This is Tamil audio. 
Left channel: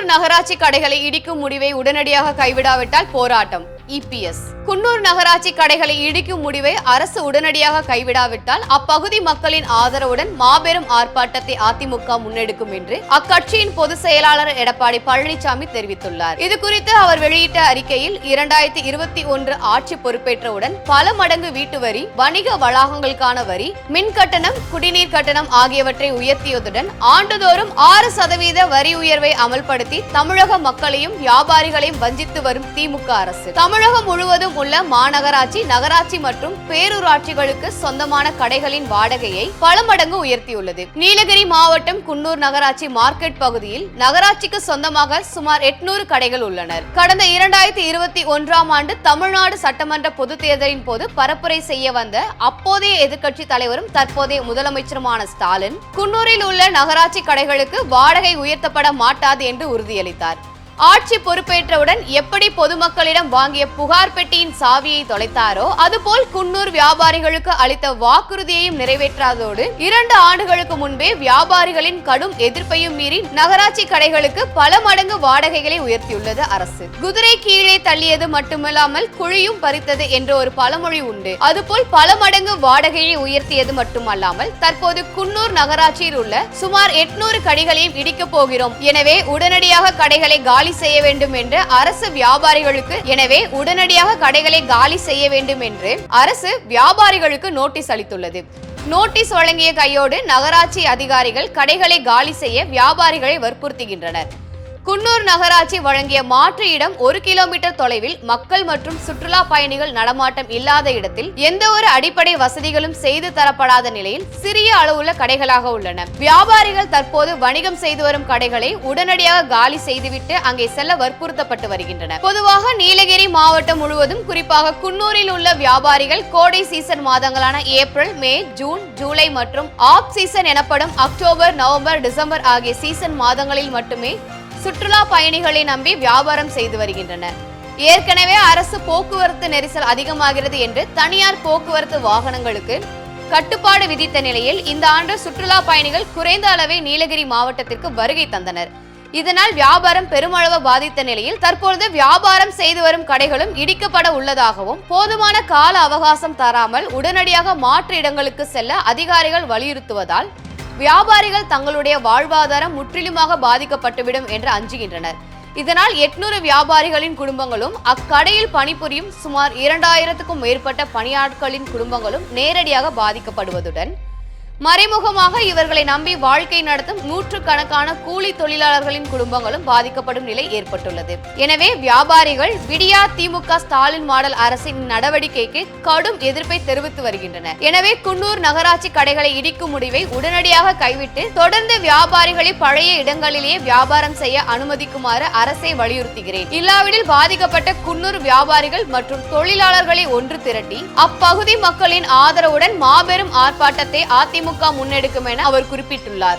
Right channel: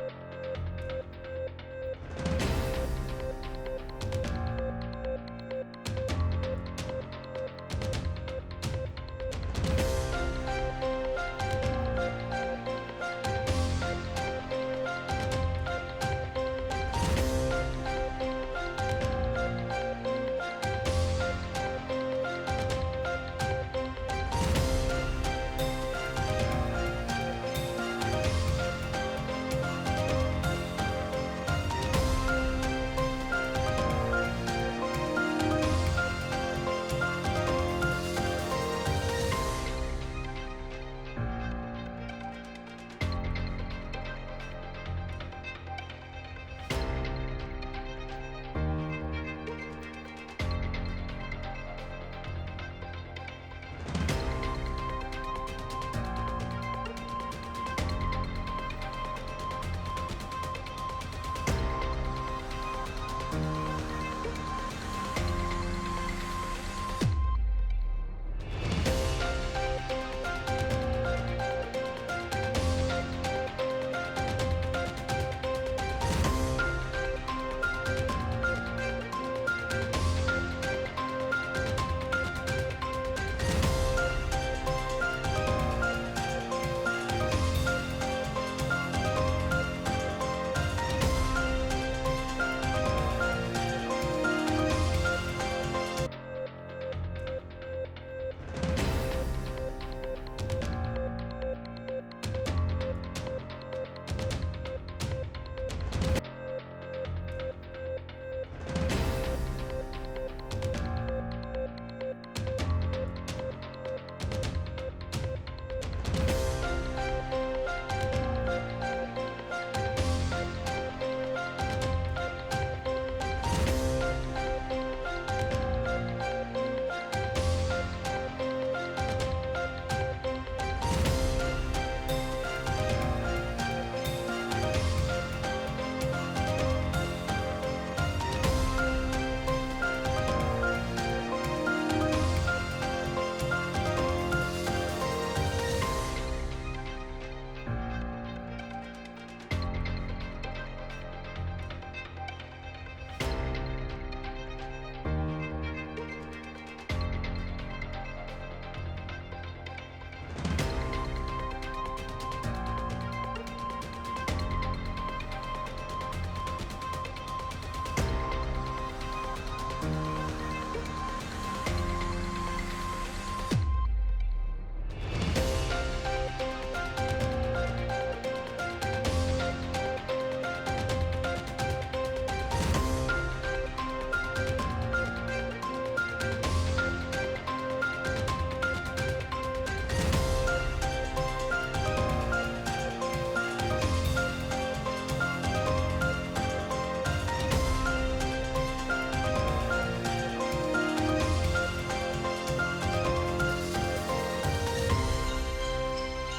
குன்னூர் நகராட்சி கடைகளை இடிக்கும் முடிவை உடனடியாக கைவிடாவிட்டால் போராட்டம். இபிஎஸ் குன்னூர் நகராட்சி கடைகளை இடிக்கும் முடிவை அரசு உடனடியாக கைவிடாவிட்டால் அப்பகுதி மக்களின் ஆதரவுடன் மாபெரும் ஆர்ப்பாட்டத்தை அதிமுக முன்னெடுக்கும் என்று அக்கட்சியின் பொதுச் செயலாளர் எடப்பாடி பழனிசாமி தெரிவித்துள்ளார். இது குறித்து அவர் வெளியிட்ட அறிக்கையில் இரண்டாயிரத்தி இருபத்தி ஒன்று ஆட்சி பொறுப்பேற்றவுடன் பல மடங்கு வீட்டு வரி வணிக வளாகங்களுக்கான வரி மின் கட்டணம் குடிநீர் கட்டணம் ஆகியவற்றை உயர்த்தியதுடன் ஆண்டுதோறும் ஆறு சதவீத வரி உயர்வை அமல்படுத்தி தமிழக மக்களையும் வியாபாரிகளையும் வஞ்சித்து வரும் திமுக அரசு. தமிழகம் முழுவதும் உள்ள மாநகராட்சி நகராட்சி மற்றும் பேரூராட்சிகளுக்கு சொந்தமான கடைகளின் வாடகையை பல மடங்கு உயர்த்தியுள்ளது. நீலகிரி மாவட்டம் குன்னூர் நகராட்சி மார்க்கெட் பகுதியில் நகராட்சிக்கு சொந்தமாக சுமார் எட்நூறு கடைகள் உள்ளனர். கடந்த இரண்டாயிரத்தி இருபத்தி ஒன்றாம் ஆண்டு தமிழ்நாடு சட்டமன்ற பொதுத் தேர்தலின் போது பரப்புரை செய்ய வந்த அப்போதைய எதிர்க்கட்சி தலைவரும் தற்போதைய முதலமைச்சருமான ஸ்டாலின் குன்னூரில் உள்ள நகராட்சி கடைகளுக்கு வாடகை உயர்த்தப்பட மாட்டாது என்று உறுதியளித்தார். ஆட்சி பொறுப்பேற்றவுடன் எப்படி பொதுமக்களிடம் வாங்கிய புகார் பெட்டியின் சாவியை தொலைத்தாரோ அதுபோல் குன்னூர் வியாபாரிகளுக்கு அளித்த வாக்குறுதியையும் நிறைவேற்றாதோடு இரண்டு ஆண்டுகளுக்கு முன்பே வியாபாரிகளின் கடும் எதிர்ப்பையும் மீறி நகராட்சி கடைகளுக்கு பல மடங்கு வாடகைகளை உயர்த்தியுள்ளது அரசு. குதிரை கீழே தள்ளியது மட்டுமல்லாமல் குழியும் பறித்தது என்ற ஒரு பழமொழி உண்டு. அதுபோல் பல மடங்கு வாடகையை உயர்த்தியது மட்டுமல்லாமல் தற்போது குன்னூர் நகராட்சியில் உள்ள சுமார் எட்நூறு கடைகளையும் இடிக்கப் போகிறோம். எனவே உடனடியாக கடைகளை காலி செய்ய வேண்டும் என்று அரசு வியாபாரிகளுக்கு எனவே உடனடியாக கடைகளை காலி செய்ய வேண்டும் என்று அரசு வியாபாரிகளுக்கு நோட்டீஸ் அளித்துள்ளது. நோட்டீஸ் வழங்கிய கையோடு நகராட்சி அதிகாரிகள் கடைகளை காலி செய்ய வியாபாரிகளை வற்புறுத்துகின்றனர். குன்னூர் நகராட்சி வழங்கிய மாற்று இடம் ஒரு கிலோமீட்டர் தொலைவில் மக்கள் மற்றும் சுற்றுலா பயணிகள் நடமாட்டம் இல்லாத இடத்தில் எந்த ஒரு அடிப்படை வசதிகளும் செய்து தரப்படாத நிலையில் சிறிய அளவுள்ள கடைகளாக உள்ளன. வியாபாரிகள் தற்போது வணிகம் செய்து வரும் கடைகளை உடனடியாக காலி செய்துவிட்டு அங்கே செல்ல வற்புறுத்தப்பட்டு வருகின்றனர். பொதுவாக நீலகிரி மாவட்டம் முழுவதும் குறிப்பாக குன்னூரில் உள்ள வியாபாரிகள் கோடை சீசன் மாதங்களான ஏப்ரல் மே ஜூன் ஜூலை மற்றும் ஆப் சீசன் எனப்படும் அக்டோபர் நவம்பர் டிசம்பர் ஆகிய சீசன் மாதங்களில் மட்டுமே சுற்றுலா பயணிகளை நம்பி வியாபாரம் செய்து வருகின்றனர். ஏற்கனவே அரசு போக்குவரத்து நெரிசல் அதிகமாகிறது என்று தனியார் போக்குவரத்து வாகனங்களுக்கு கட்டுப்பாடு விதித்த நிலையில் இந்த ஆண்டு சுற்றுலா பயணிகள் குறைந்த அளவே நீலகிரி மாவட்டத்திற்கு வருகை தந்தனர். இதனால் வியாபாரம் பெருமளவு பாதித்த நிலையில் தற்பொழுது வியாபாரம் செய்து வரும் கடைகளும் இடிக்கப்பட உள்ளதாகவும் போதுமான கால அவகாசம் தராமல் உடனடியாக மாற்று இடங்களுக்கு செல்ல அதிகாரிகள் வலியுறுத்துவதால் வியாபாரிகள் தங்களுடைய வாழ்வாதாரம் முற்றிலுமாக பாதிக்கப்பட்டுவிடும் என்று அஞ்சுகின்றனர். இதனால் எட்நூறு வியாபாரிகளின் குடும்பங்களும் அக்கடையில் பணிபுரியும் சுமார் இரண்டாயிரத்துக்கும் மேற்பட்ட பணியாட்களின் குடும்பங்களும் நேரடியாக பாதிக்கப்படுவதுடன் மறைமுகமாக இவர்களை நம்பி வாழ்க்கை நடத்தும் நூற்றுக்கணக்கான கூலி தொழிலாளர்களின் குடும்பங்களும் பாதிக்கப்படும் நிலை ஏற்பட்டுள்ளது. எனவே வியாபாரிகள் விடியா திமுக ஸ்டாலின் மாடல் அரசின் நடவடிக்கைக்கு கடும் எதிர்ப்பை தெரிவித்து வருகின்றனர். எனவே குன்னூர் நகராட்சி கடைகளை இடிக்கும் முடிவை உடனடியாக கைவிட்டு தொடர்ந்து வியாபாரிகளை பழைய இடங்களிலேயே வியாபாரம் செய்ய அனுமதிக்குமாறு அரசை வலியுறுத்துகிறேன். இல்லாவிடில் பாதிக்கப்பட்ட குன்னூர் வியாபாரிகள் மற்றும் தொழிலாளர்களை ஒன்று திரட்டி அப்பகுதி மக்களின் ஆதரவுடன் மாபெரும் ஆர்ப்பாட்டத்தை அதிமுக முன்னெடுக்கும் என அவர் குறிப்பிட்டுள்ளார்.